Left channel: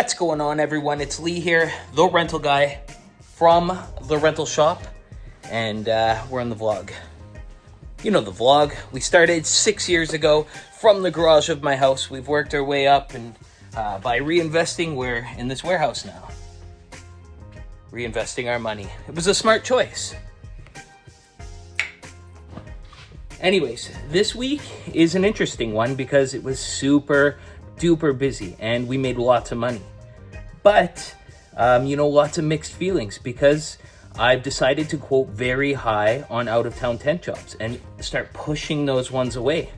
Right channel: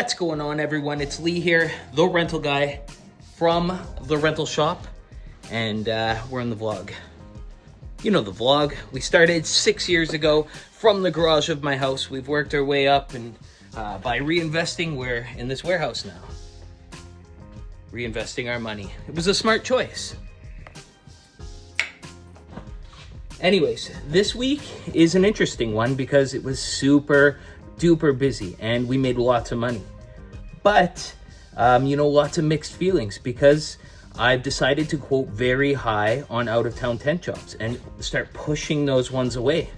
What's going on, everyone? It's Lee here, the rental guy from the rental shop, and we're in the vlog. You know the vlog. We started 6 years ago from the garage of my house. We've worked our way up, and by reinvesting, we're in this warehouse now. Reinvesting our money. It was a smart choice. Anyways, this week is an interesting one because it was super duper busy and we made lots of money. But, lots of mixed feelings because I've decided to quote very high on out-of-town tent jobs and start pushing those ones away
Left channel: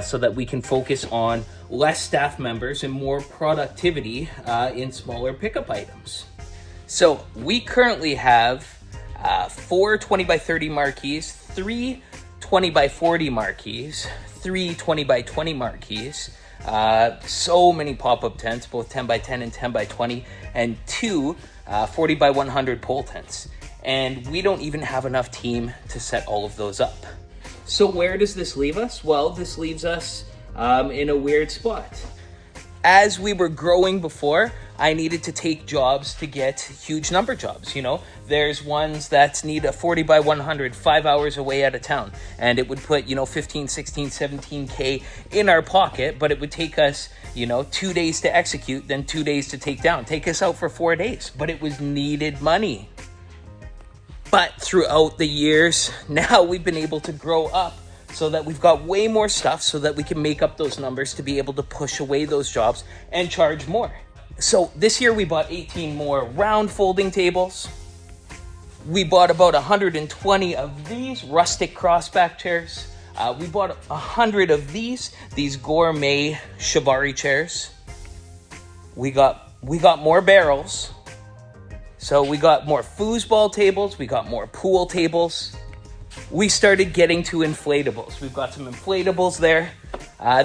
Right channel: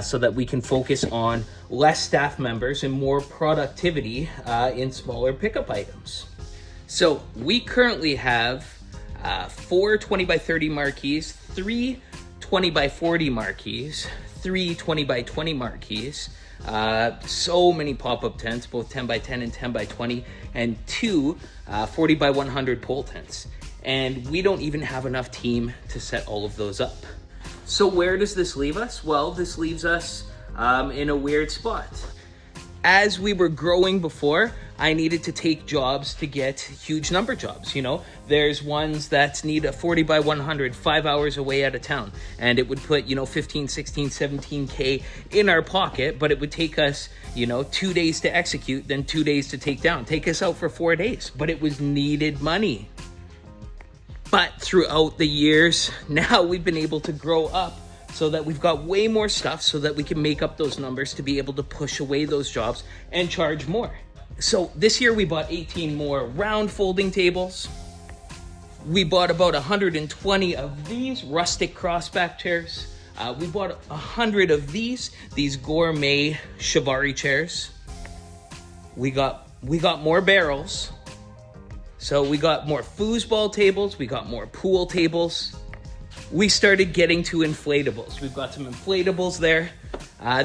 so that we can focus on less staff members and more productivity in smaller pickup items. So we currently have 4 20 by 30 marquees, 3 20 by 40 marquees, 3 20 by 20 marquees, so many pop-up tents, both 10 by 10 and 10 by 20, and 2 40 by 100 pole tents. And we don't even have enough team to set all of those up. So where does this leave us? Well, this leaves us in a weird spot. As we were growing before, I needed to take jobs to get huge number jobs, There's ones that need a 40 by 100, 5 hours away out of town. And it would put, 15, 16, 17K in our pocket, but it would take us, 2 days to execute, then 2 days to take down. Take us out for 4 days, but it was needed money. But throughout the years, now we've been able to grow up so that we've got way more stuff so that we can make up those numbers to be able to push away those jobs and charge more. So this year we bought 18 more round folding tables. We bought about 120 of these rustic crossback chairs. We bought 100 of these gourmet shibari chairs. We got more barrels. So we got more foosball tables. We got more pool tables. We started getting to inflatables. We've got some inflatables there.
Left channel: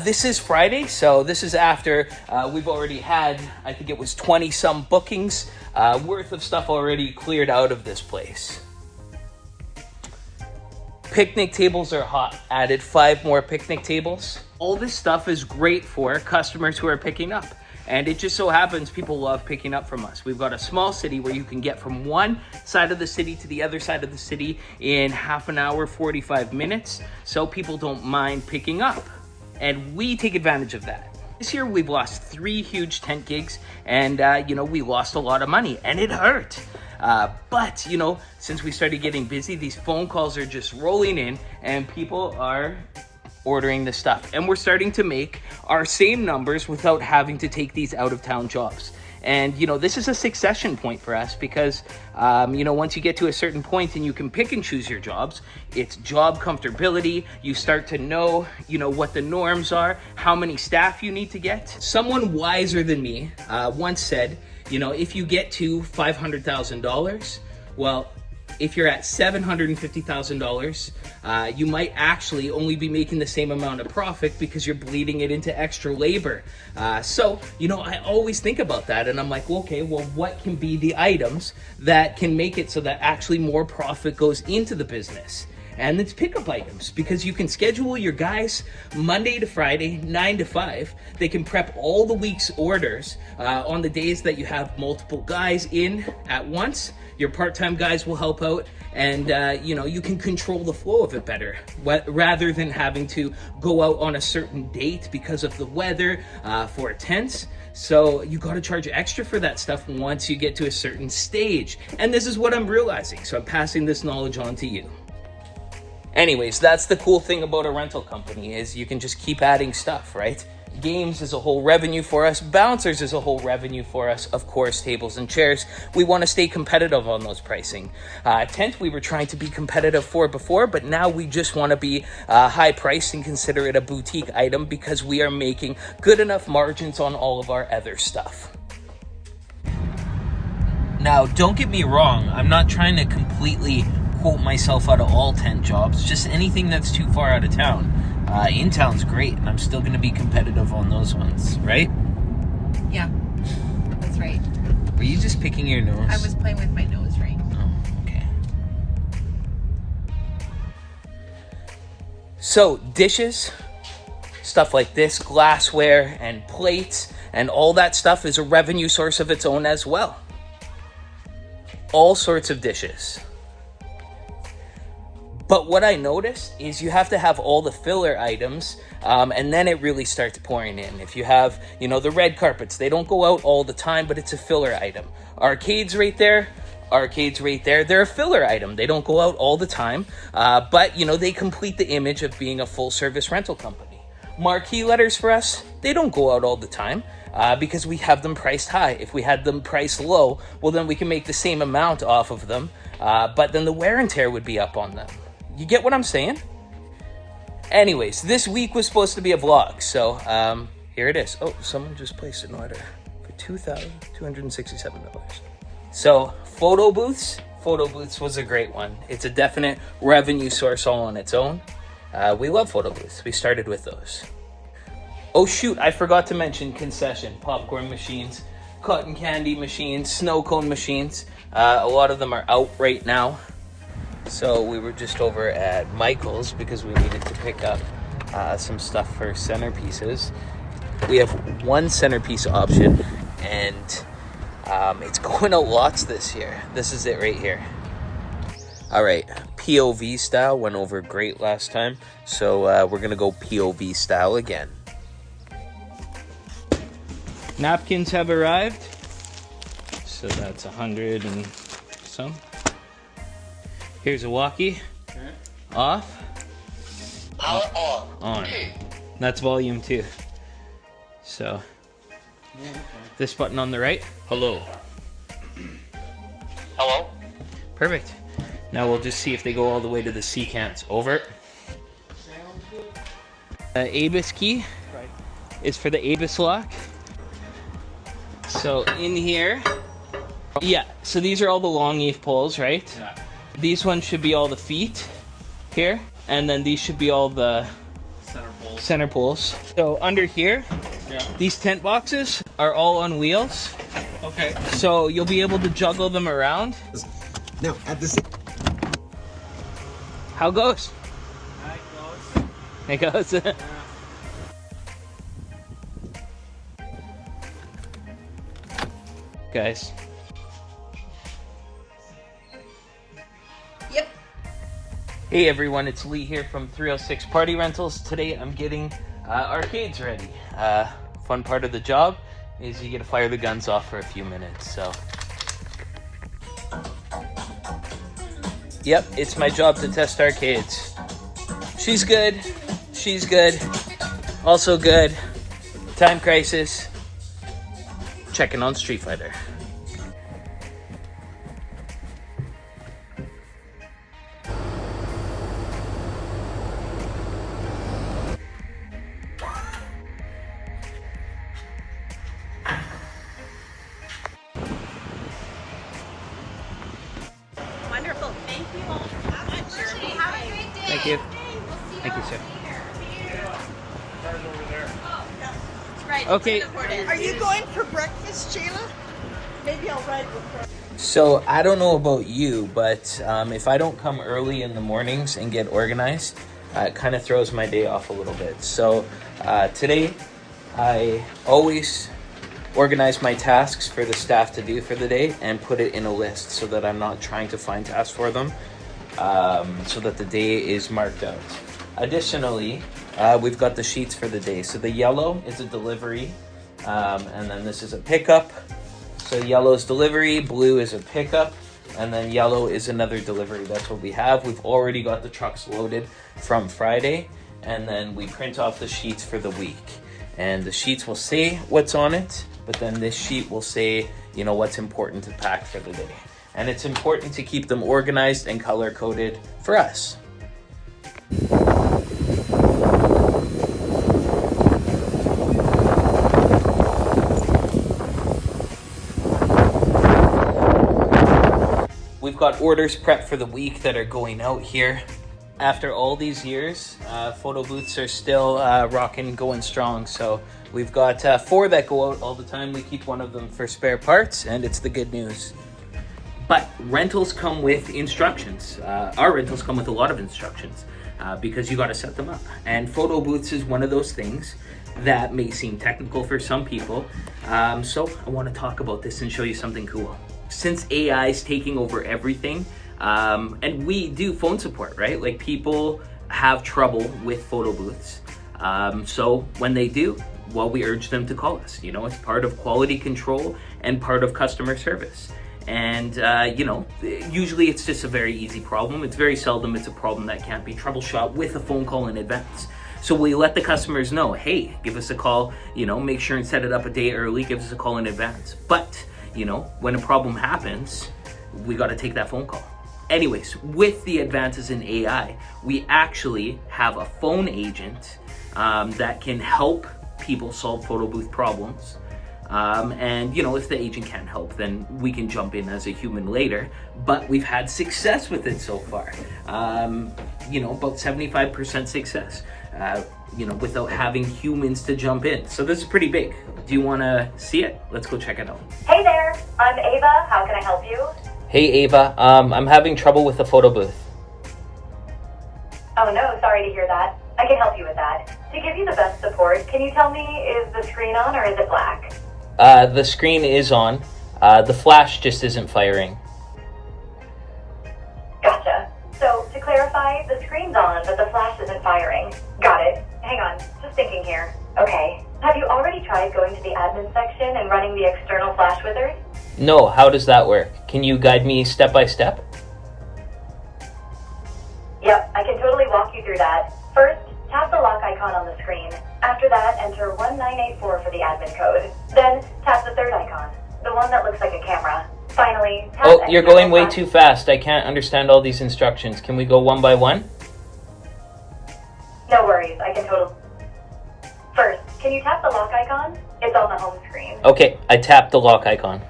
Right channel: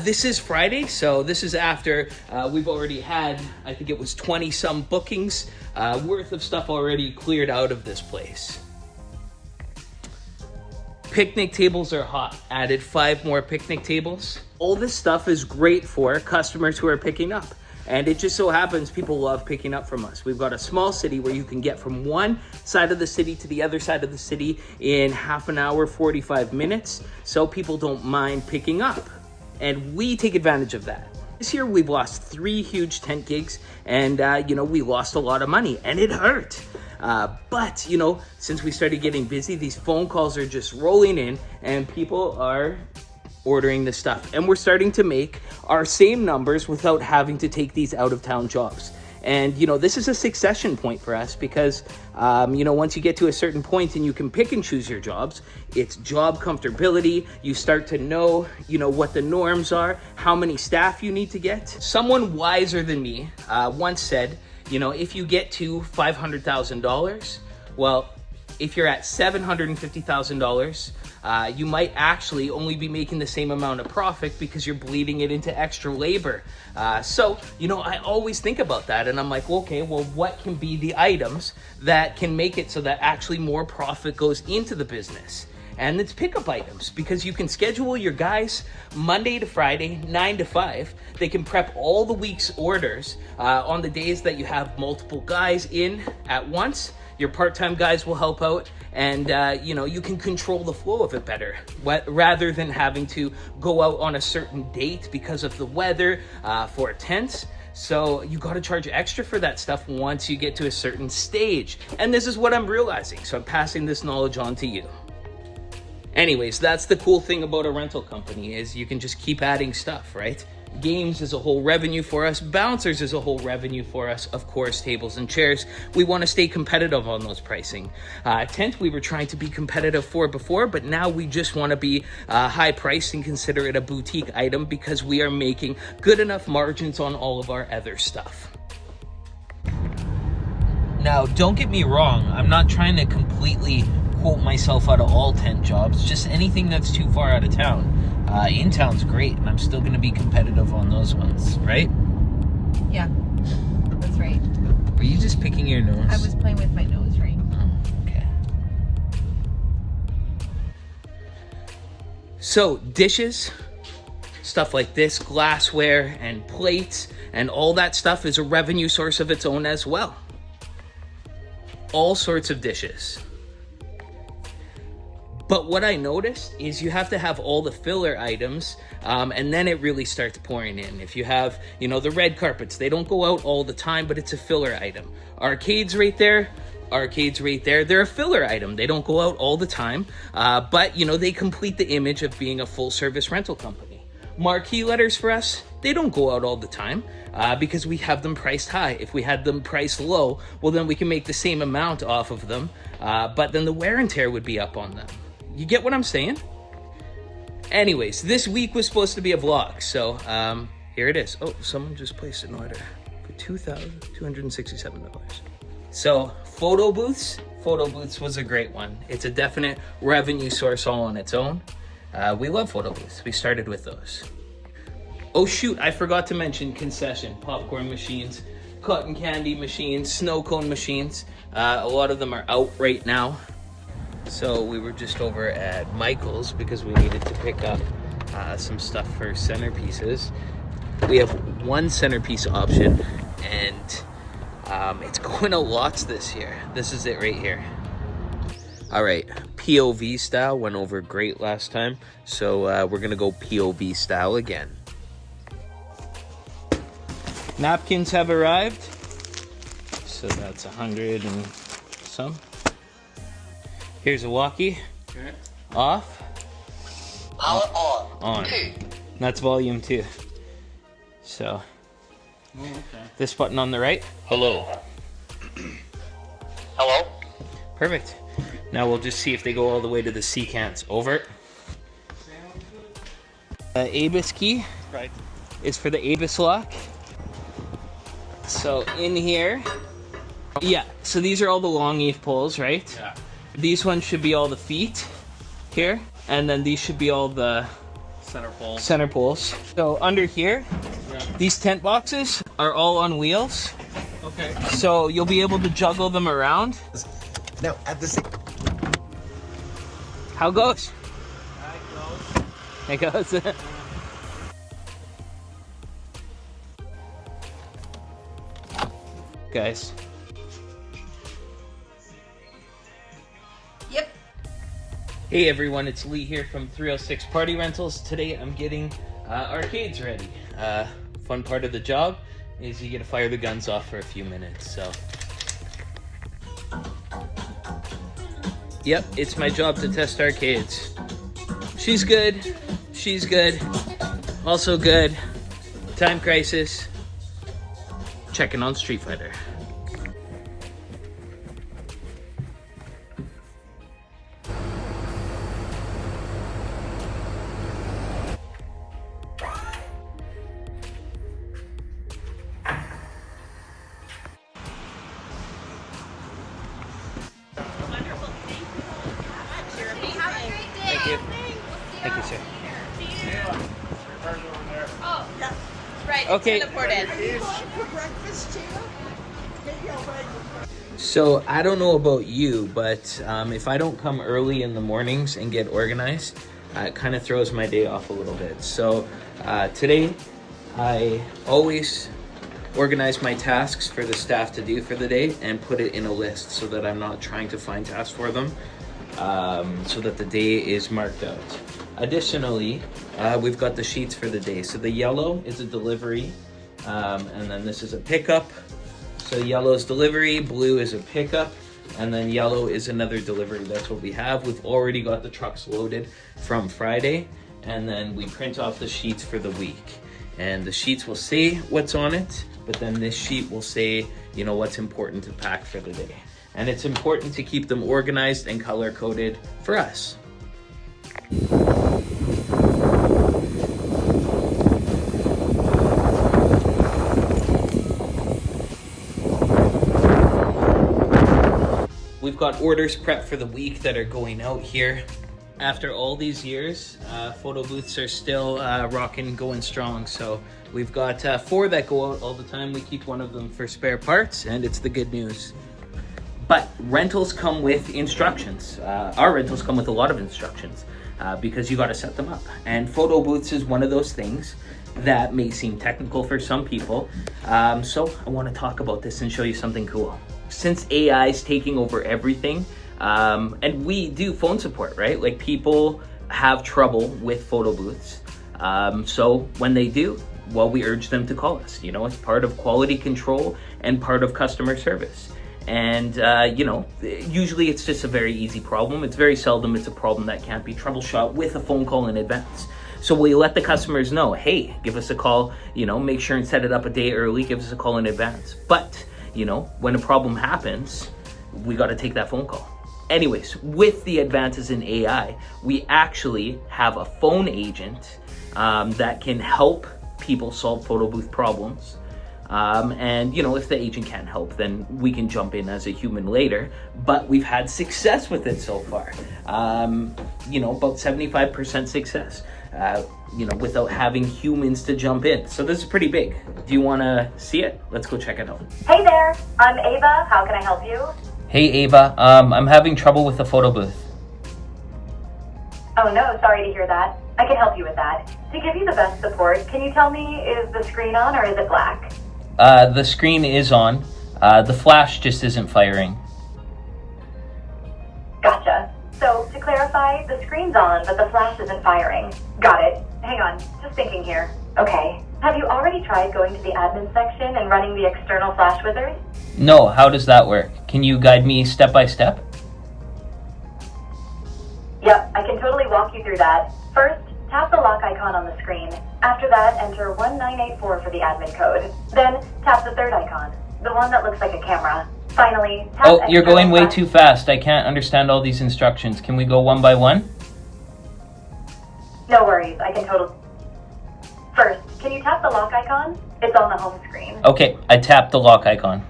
This is Friday, so this is after we've already had, I think it was 20 some bookings worth of stuff already cleared out of this place. Picnic tables are hot. Added 5 more picnic tables. All this stuff is great for customers who are picking up. And it just so happens people love picking up from us. We've got a small city where you can get from one side of the city to the other side of the city in half an hour, 45 minutes. So people don't mind picking up. And we take advantage of that. This year we've lost 3 huge tent gigs and, we lost a lot of money and it hurt. But, since we started getting busy, these phone calls are just rolling in and people are ordering this stuff. And we're starting to make our same numbers without having to take these out-of-town jobs. And, this is a succession point for us because, once you get to a certain point and you can pick and choose your jobs, it's job comfortability. You start to know, what the norms are, how many staff you need to get. Someone wiser than me once said, if you get to $500,000, well, if you're at $750,000, you might actually only be making the same amount of profit because you're bleeding it into extra labor. So, I always think about that and I'm like, what can be the items that can make it so that actually more profit goes into the business? And it's pickup items because you can schedule your guys Monday to Friday, 9 to 5. They can prep all the week's orders on the days that you have multiple guys in at once. Your part-time guys will help out and, you can control the flow of it better rather than having to go out on a certain date because of the weather for tents. So you got to charge extra for that stuff once you get to a certain stage. And this is what I'm realizing. So I'm passing this knowledge on to you. Anyways, that's the cool thing about a rental company is you can just keep adding stuff, right? Games is a whole revenue for us. Bouncers is a whole revenue for us. Of course, tables and chairs. We want to stay competitive on those pricing. Tent, we were trying to be competitive for before, but now we just want to be high priced and consider it a boutique item because we are making good enough margins on all of our other stuff. Now, don't get me wrong. I'm not trying to completely quote myself out of all tent jobs. Just anything that's too far out of town. In town's great, and I'm still going to be competitive on those ones, right? Yeah, that's right. Were you just picking your nose? I was playing with my nose ring. Oh, okay. So, dishes, stuff like this, glassware and plates, and all that stuff is a revenue source of its own as well. All sorts of dishes. But what I noticed is you have to have all the filler items, and then it really starts pouring in. If you have, you know, the red carpets, they don't go out all the time, but it's a filler item. Arcades right there, they're a filler item. They don't go out all the time, but, you know, they complete the image of being a full-service rental company. Marquee letters for us, they don't go out all the time, because we have them priced high. If we had them priced low, well, then we can make the same amount off of them, but then the wear and tear would be up on them. You get what I'm saying? Anyways, this week was supposed to be a vlog, so here it is. Oh, someone just placed an order for $2,267. So photo booths was a great one. It's a definite revenue source all on its own. We love photo booths. We started with those. Oh shoot, I forgot to mention concession. Popcorn machines, cotton candy machines, snow cone machines. A lot of them are out right now. So we were just over at Michael's because we needed to pick up some stuff for centerpieces. We have one centerpiece option, and it's going a lots this year. This is it right here. All right, POV style went over great last time, so we're gonna go POV style again. Napkins have arrived, so that's 100 and some. Here's a walkie. Off. Power on. On. That's volume 2. So this button on the right. Hello. Hello? Perfect. Now we'll just see if they go all the way to the C cans. Over. ABIS key is for the ABIS lock. So in here, yeah, so these are all the long eve poles, right? Yeah. These ones should be all the feet here, and then these should be all the center poles. So under here, these tent boxes are all on wheels. Okay. So you'll be able to juggle them around. Now, at the same... How goes? It goes. Guys. Yep. Hey everyone, it's Lee here from 306 Party Rentals. Today I'm getting arcades ready. Fun part of the job is you get to fire the guns off for a few minutes, so. Yep, it's my job to test arcades. She's good, she's good, also good. Time Crisis, checking on Street Fighter. Wonderful. Thank you so much, Jeremy. Have a great day. Thank you. We'll Thank you, sir. Car's over there. Oh, that's right. Okay. Are you going for breakfast, Jayla? Maybe I'll ride with her. So I don't know about you, but if I don't come early in the mornings and get organized, it kind of throws my day off a little bit. So today I always organize my tasks for the staff to do for the day and put it in a list so that I'm not trying to find tasks for them, so that the day is marked out. Additionally, we've got the sheets for the day. So the yellow is a delivery, and then this is a pickup. So yellow is delivery, blue is a pickup, and then yellow is another delivery. That's what we have. We've already got the trucks loaded from Friday, and then we print off the sheets for the week. And the sheets will say what's on it, but then this sheet will say, you know, what's important to pack for the day. And it's important to keep them organized and color-coded for us. We've got orders prepped for the week that are going out here. After all these years, photo booths are still rocking, going strong. So we've got 4 that go out all the time. We keep one of them for spare parts, and it's the good news. But rentals come with instructions. Our rentals come with a lot of instructions because you got to set them up. And photo booths is one of those things that may seem technical for some people. So I want to talk about this and show you something cool. Since AI is taking over everything, and we do phone support, right? Like people have trouble with photo booths. So when they do, well, we urge them to call us. You know, it's part of quality control and part of customer service. And, you know, usually it's just a very easy problem. It's very seldom it's a problem that can't be troubleshot with a phone call in advance. So we let the customers know, hey, give us a call, you know, make sure and set it up a day early, give us a call in advance. But, you know, when a problem happens, we got to take that phone call. Anyways, with the advances in AI, we actually have a phone agent that can help people solve photo booth problems. And, you know, if the agent can't help, then we can jump in as a human later. But we've had success with it so far. You know, about 75% success, you know, without having humans to jump in. So this is pretty big. Do you want to see it? Let's go check it out. Hey there, I'm Ava. How can I help you? Hey, Ava. I'm having trouble with the photo booth. Oh no, sorry to hear that. I can help you with that. To give you the best support, can you tell me, is the screen on or is it black? The screen is on. The flash just isn't firing. Gotcha. So, to clarify, the screen's on, but the flash isn't firing. Got it. Hang on, just thinking here. Okay. Have you already tried going to the admin section and running the external flash wizard? No, how does that work? Can you guide me step by step? Yep, I can totally walk you through that. First, tap the lock icon on the screen. After that, enter 1984 for the admin code. Then, tap the third icon, the one that looks like a camera. Finally, tap Oh, you're going way flash. too fast. I can't understand all these instructions. Can we go one by one? No worries, I can totally... First, can you tap the lock icon? It's on the home screen. Okay, I tapped the lock icon.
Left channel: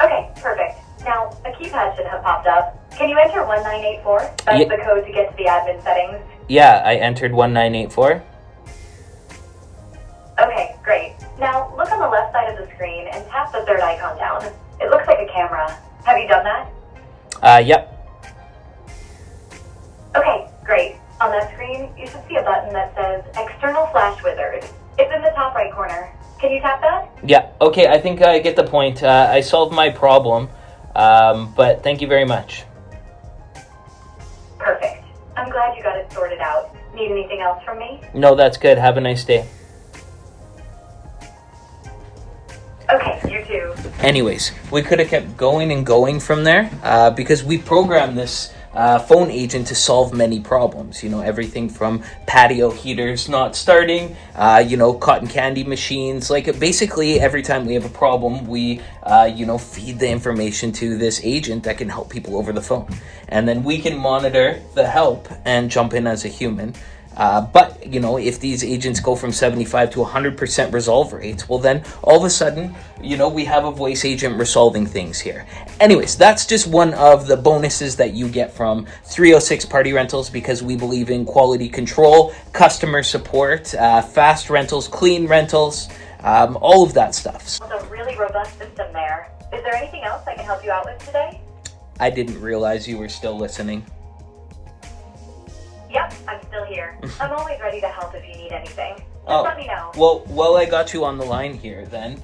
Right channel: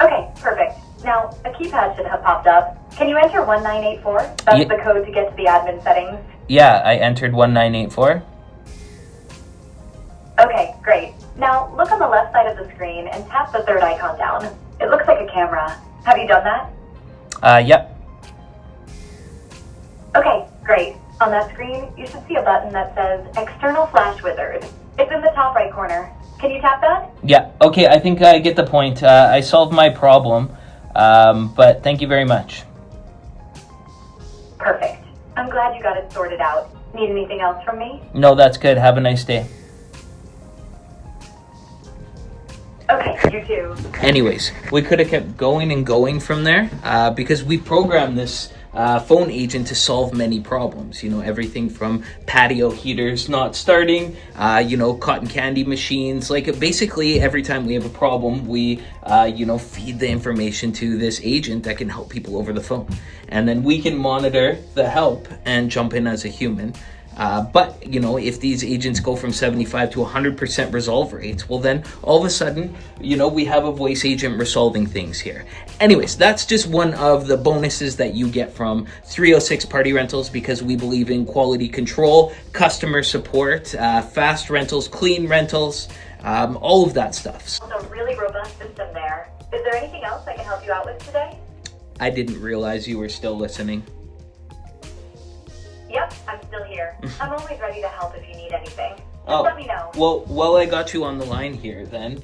Okay, perfect. Now, a keypad should have popped up. Can you enter 1984? That's the code to get to the admin settings. Yeah, I entered 1984. Okay, great. Now, look on the left side of the screen and tap the third icon down. It looks like a camera. Have you done that? Yep. Okay, great. On that screen, you should see a button that says External Flash Wizard. It's in the top right corner. Can you tap that? Yeah, okay, I think I get the point. I solved my problem, but thank you very much. Perfect. I'm glad you got it sorted out. Need anything else from me? No, that's good. Have a nice day. Okay, you too. Anyways, we could have kept going and going from there because we programmed this phone agent to solve many problems. You know, everything from patio heaters not starting, you know, cotton candy machines. Like basically every time we have a problem, we, you know, feed the information to this agent that can help people over the phone. And then we can monitor the help and jump in as a human. But, you know, if these agents go from 75 to 100% resolve rates, well then all of a sudden, you know, we have a voice agent resolving things here. Anyways, that's just one of the bonuses that you get from 306 Party Rentals because we believe in quality control, customer support, fast rentals, clean rentals, all of that stuff. A really robust system there. Is there anything else I can help you out with today? I didn't realize you were still listening. Yep, I'm still here. I'm always ready to help if you need anything. Just let me know. Well, while I got you on the line here then,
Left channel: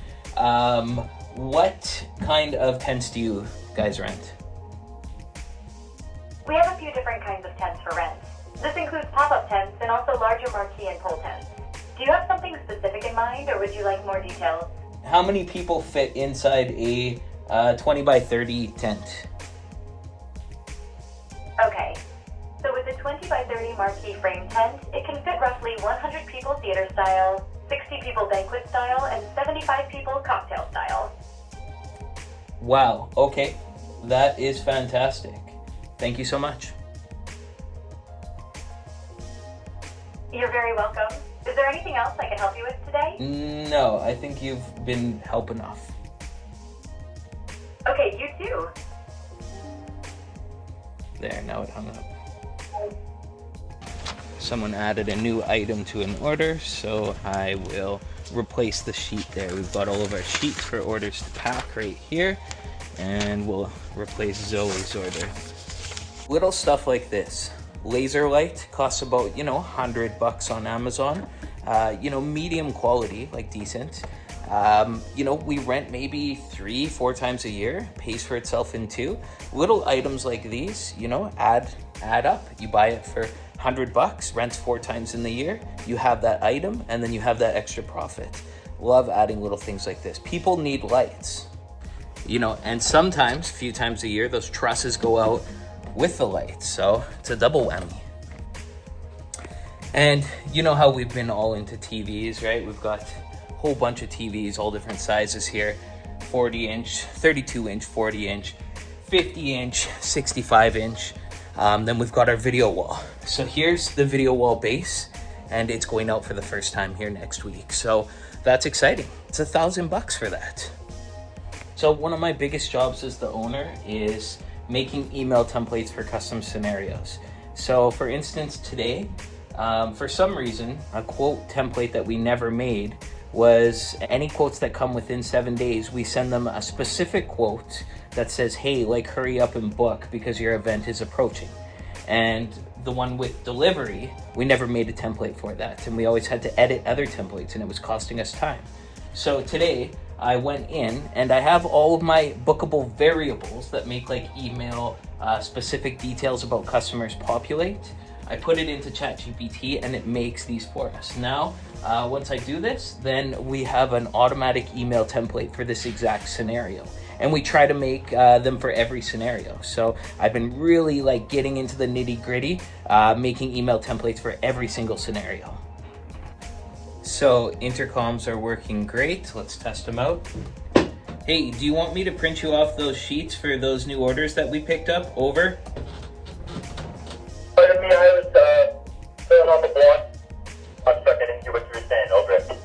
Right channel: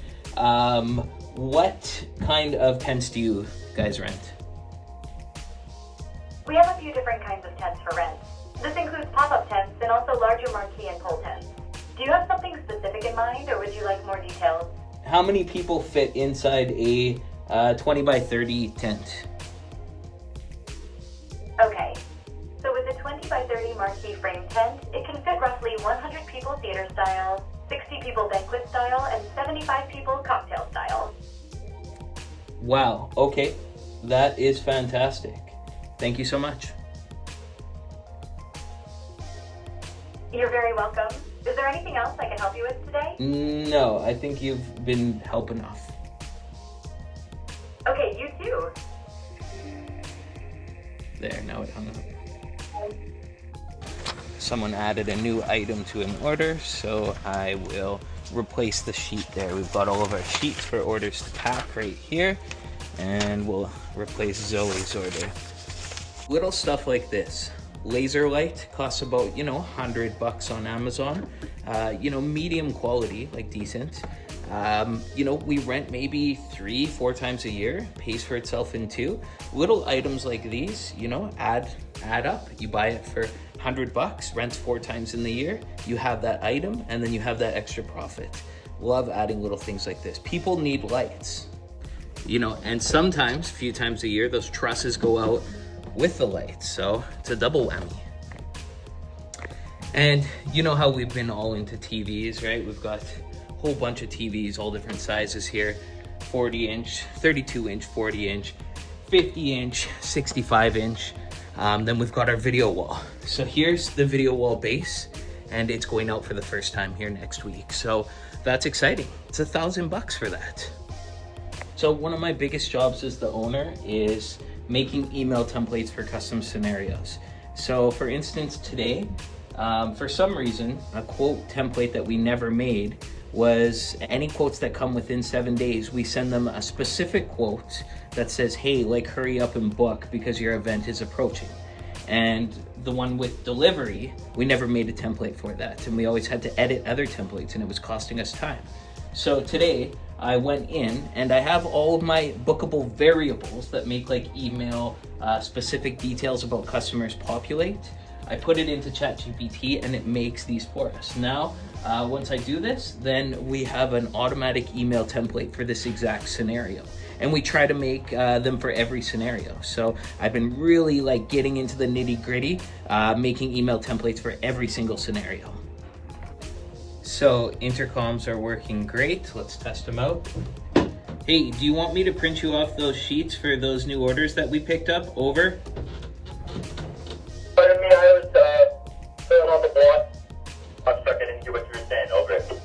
what kind of tents do you guys rent? We have a few different kinds of tents for rent. This includes pop-up tents and also larger marquee and pole tents. Do you have something specific in mind, or would you like more details? How many people fit inside a 20 by 30 tent? Okay. So with a 20 by 30 marquee frame tent, it can fit roughly 100 people theater style, 60 people banquet style, and 75 people cocktail style. Wow, okay. That is fantastic. Thank you so much. You're very welcome. Is there anything else I can help you with today? No, I think you've been help enough. Okay, you too. There, now it hung up. Someone added a new item to an order, so I will replace the sheet there. We've got all of our sheets for orders to pack right here. and we'll replace Zoe's order. Little stuff like this. Laser light costs about, you know, $100 on Amazon. You know, medium quality, like decent. You know, we rent maybe 3-4 times a year, pays for itself in 2. Little items like these, you know, add up. You buy it for $100, rents 4 times in the year, you have that item, and then you have that extra profit. Love adding little things like this. People need lights, you know, and sometimes, a few times a year, those trusses go out with the lights, so it's a double whammy. And you know how we've been all into TVs, right? We've got a whole bunch of TVs, all different sizes here. 40-inch, 32-inch, 40-inch, 50-inch, 65-inch. Then we've got our video wall. So here's the video wall base, and it's going out for the first time here next week. So that's exciting. It's $1,000 for that. So one of my biggest jobs as the owner is making email templates for custom scenarios. So for instance, today, for some reason, a quote template that we never made was any quotes that come within 7 days, we send them a specific quote that says, hey, like hurry up and book because your event is approaching. And the one with delivery, we never made a template for that. And we always had to edit other templates and it was costing us time. So today I went in and I have all of my bookable variables that make like email specific details about customers populate. I put it into ChatGPT and it makes these for us. Now, once I do this, then we have an automatic email template for this exact scenario. And we try to make them for every scenario. So I've been really like getting into the nitty gritty, making email templates for every single scenario. So intercoms are working great. Let's test them out. Hey, do you want me to print you off those sheets for those new orders that we picked up? Over. Pardon me, I was filling on the block. I'm sorry, I didn't hear what you were saying. Over.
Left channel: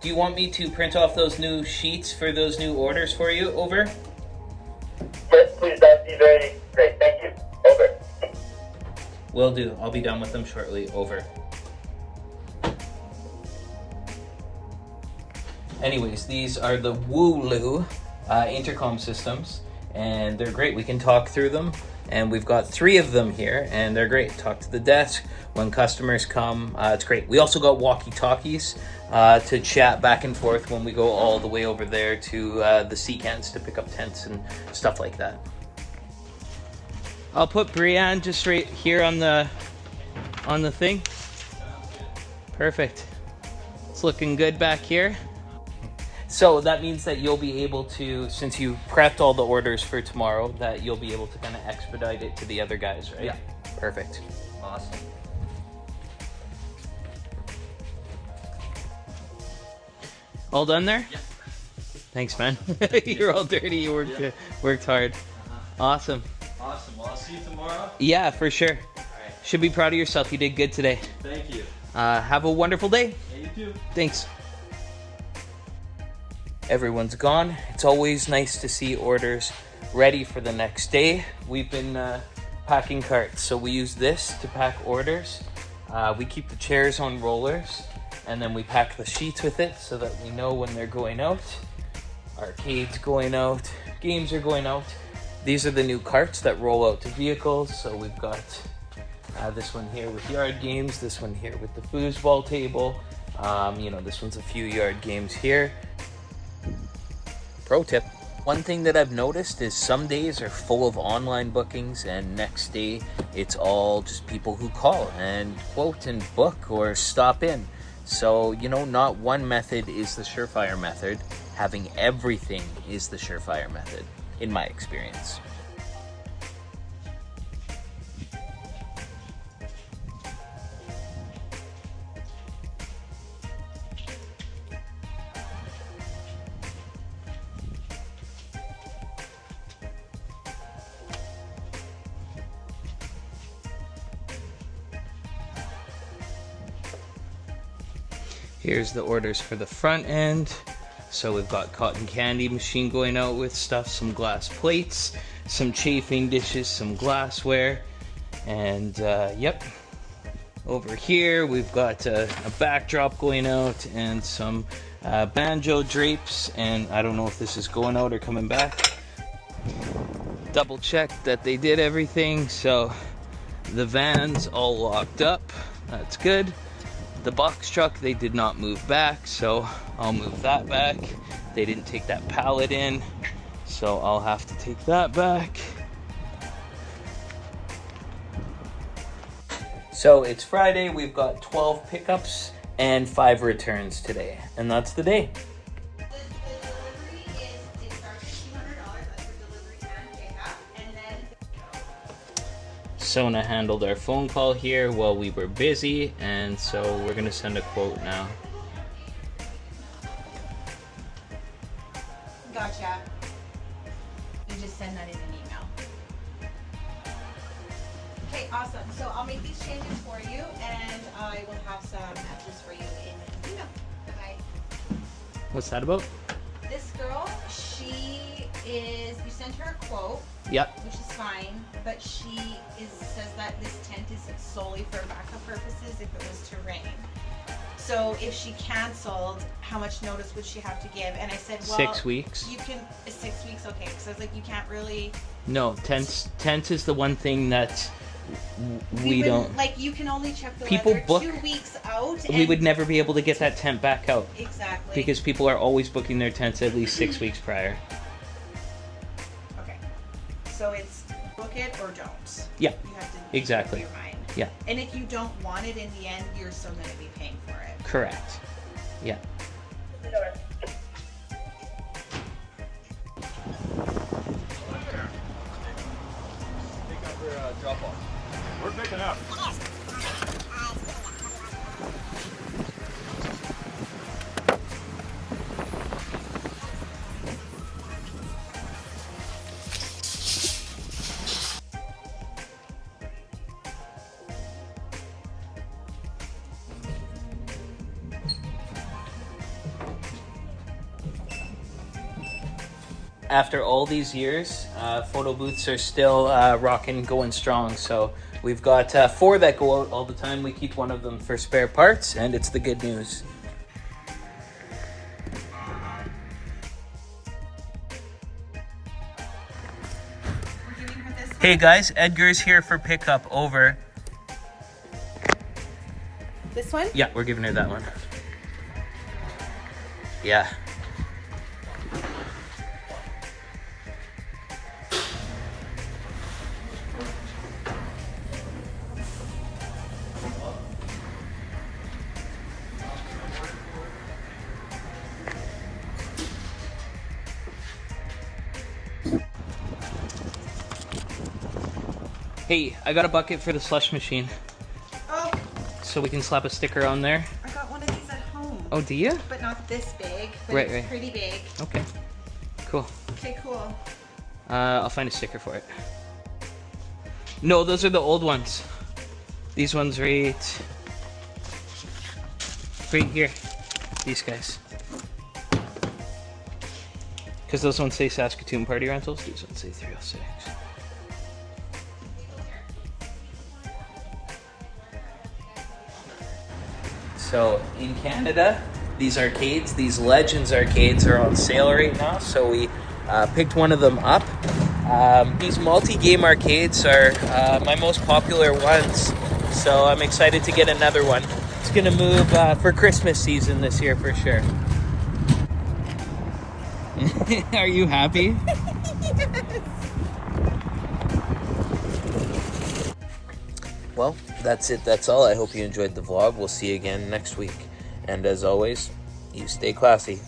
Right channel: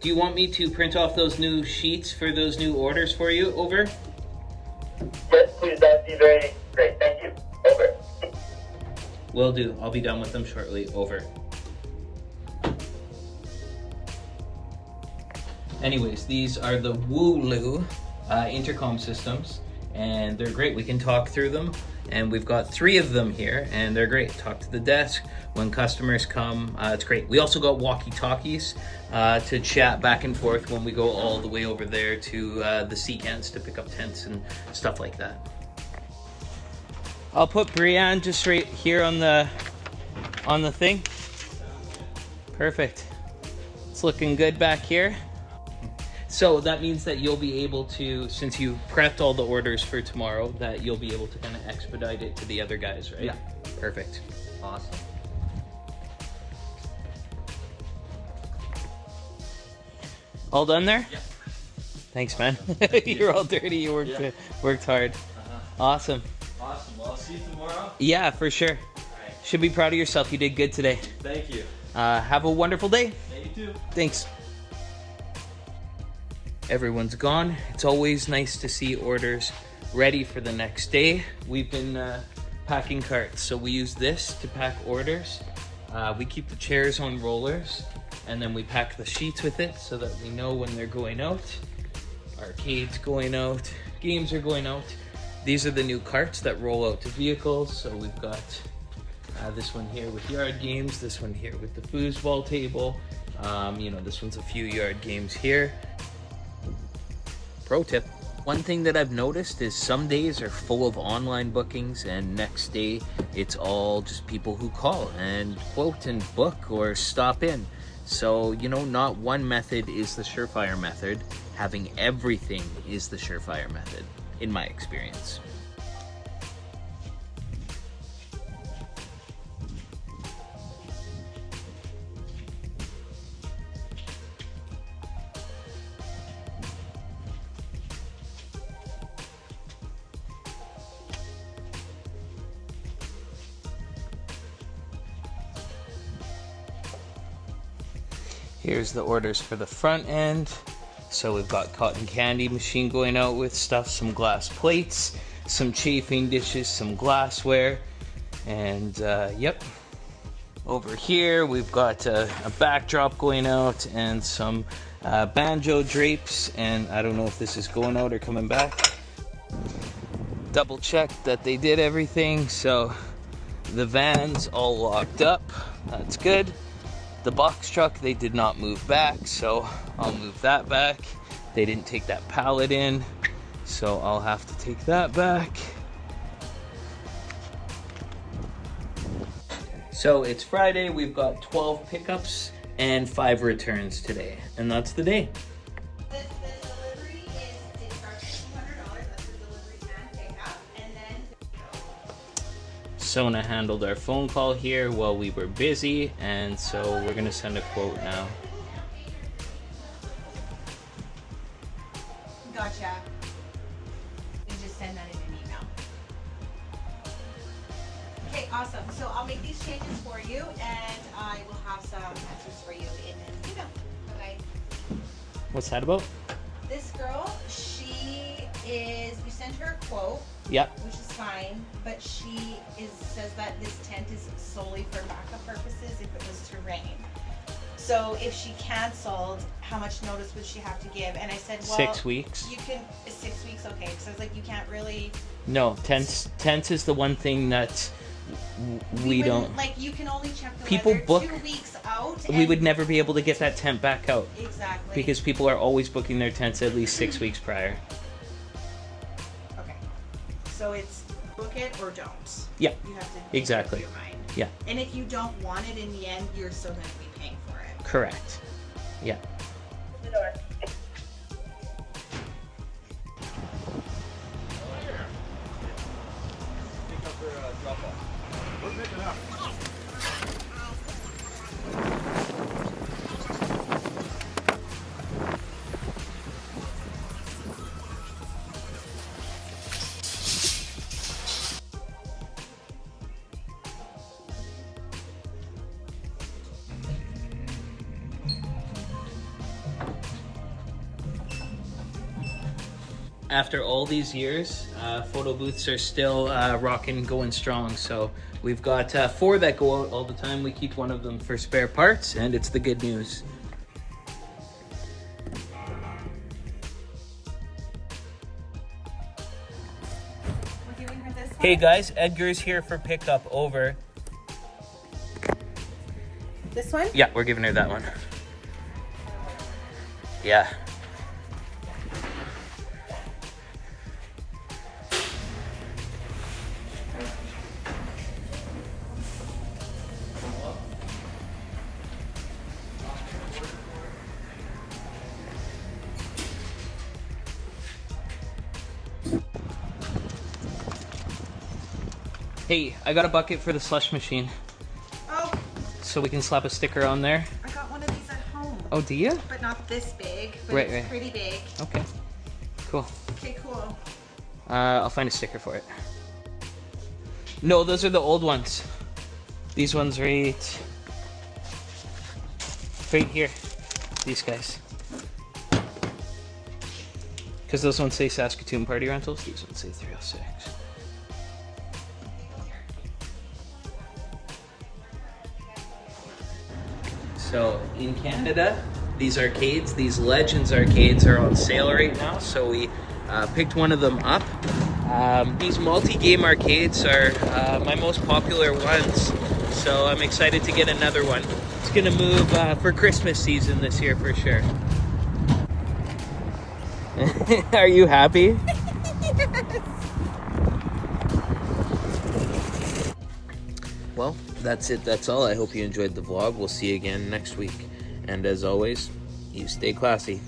Do you want me to print off those new sheets for those new orders for you? Over. Yes, please. That'd be very great. Thank you. Over. Will do. I'll be done with them shortly. Over. Anyways, these are the Wooloo intercom systems, and they're great. We can talk through them, and we've got 3 of them here, and they're great. Talk to the desk when customers come. It's great. We also got walkie-talkies to chat back and forth when we go all the way over there to the sea cans to pick up tents and stuff like that. I'll put Brianne just right here on the thing. Perfect. It's looking good back here. So that means that you'll be able to, since you prepped all the orders for tomorrow, that you'll be able to kind of expedite it to the other guys, right? Yeah. Perfect. Awesome. All done there? Yeah. Thanks, man. You're all dirty. You worked hard. Awesome. Awesome. Well, I'll see you tomorrow. Yeah, for sure. All right. Should be proud of yourself. You did good today. Thank you. Have a wonderful day. Yeah, you too. Thanks. Everyone's gone. It's always nice to see orders ready for the next day. We've been packing carts, so we use this to pack orders. We keep the chairs on rollers, and then we pack the sheets with it so that we know when they're going out. Arcades going out, games are going out. These are the new carts that roll out to vehicles. So we've got this one here with yard games, this one here with the foosball table. You know, this one's a few yard games here. Pro tip. One thing that I've noticed is some days are full of online bookings and next day it's all just people who call and quote and book or stop in. So, you know, not one method is the surefire method. Having everything is the surefire method, in my experience. Here's the orders for the front end. So we've got cotton candy machine going out with stuff, some glass plates, some chafing dishes, some glassware, and yep. Over here we've got a backdrop going out and some banjo drapes, and I don't know if this is going out or coming back. Double checked that they did everything, so the van's all locked up. That's good. The box truck, they did not move back, so I'll move that back. They didn't take that pallet in, so I'll have to take that back. So it's Friday, we've got 12 pickups and 5 returns today, and that's the day. The delivery is starts at $200. That's for delivery and pickup, and then Sona handled our phone call here while we were busy, and so we're gonna send a quote now. gotcha. You just send that in an email. Okay, awesome. So I'll make these changes for you, and I will have some answers for you in an email. Bye-bye. What's that about? This girl, you sent her a quote, Yep. which is fine, but says that this tent is solely for backup purposes if it was to rain. So if she canceled, how much notice would she have to give? And I said, well, 6 weeks. You can, 6 weeks, okay. Because I was like, you can't really. No, tents is the one thing that we don't. Like, you can only check the People weather book- 2 weeks out. We would never be able to get that tent back out. Exactly. Because people are always booking their tents at least 6 weeks prior. Okay. So it's book it or don't. Yeah. You have to Exactly. make up your mind. Yeah. And if you don't want it in the end, you're still going to be paying for it. Correct. Yeah. The door. Pick up your drop off. We're picking up. After all these years, photo booths are still rocking, going strong. So we've got 4 that go out all the time. We keep one of them for spare parts, and it's the good news. We're giving her this one. Hey guys, Edgar's here for pickup. Over. This one? Yeah, we're giving her that one. Yeah. Hey, I got a bucket for the slush machine, Oh, so we can slap a sticker on there. I got one of these at home. Oh, do you? But not this big, but Right, it's right. pretty big. Okay, cool. Okay, cool. I'll find a sticker for it. No, those are the old ones. These ones right here. These guys. Because those ones say Saskatoon Party Rentals. These ones say 306. So in Canada, these arcades, these Legends arcades are on sale right now. So we picked one of them up. These multi-game arcades are my most popular ones. So I'm excited to get another one. It's gonna move for Christmas season this year for sure. Are you happy? Well, that's it. That's all. I hope you enjoyed the vlog. We'll see you again next week. And as always, you stay classy.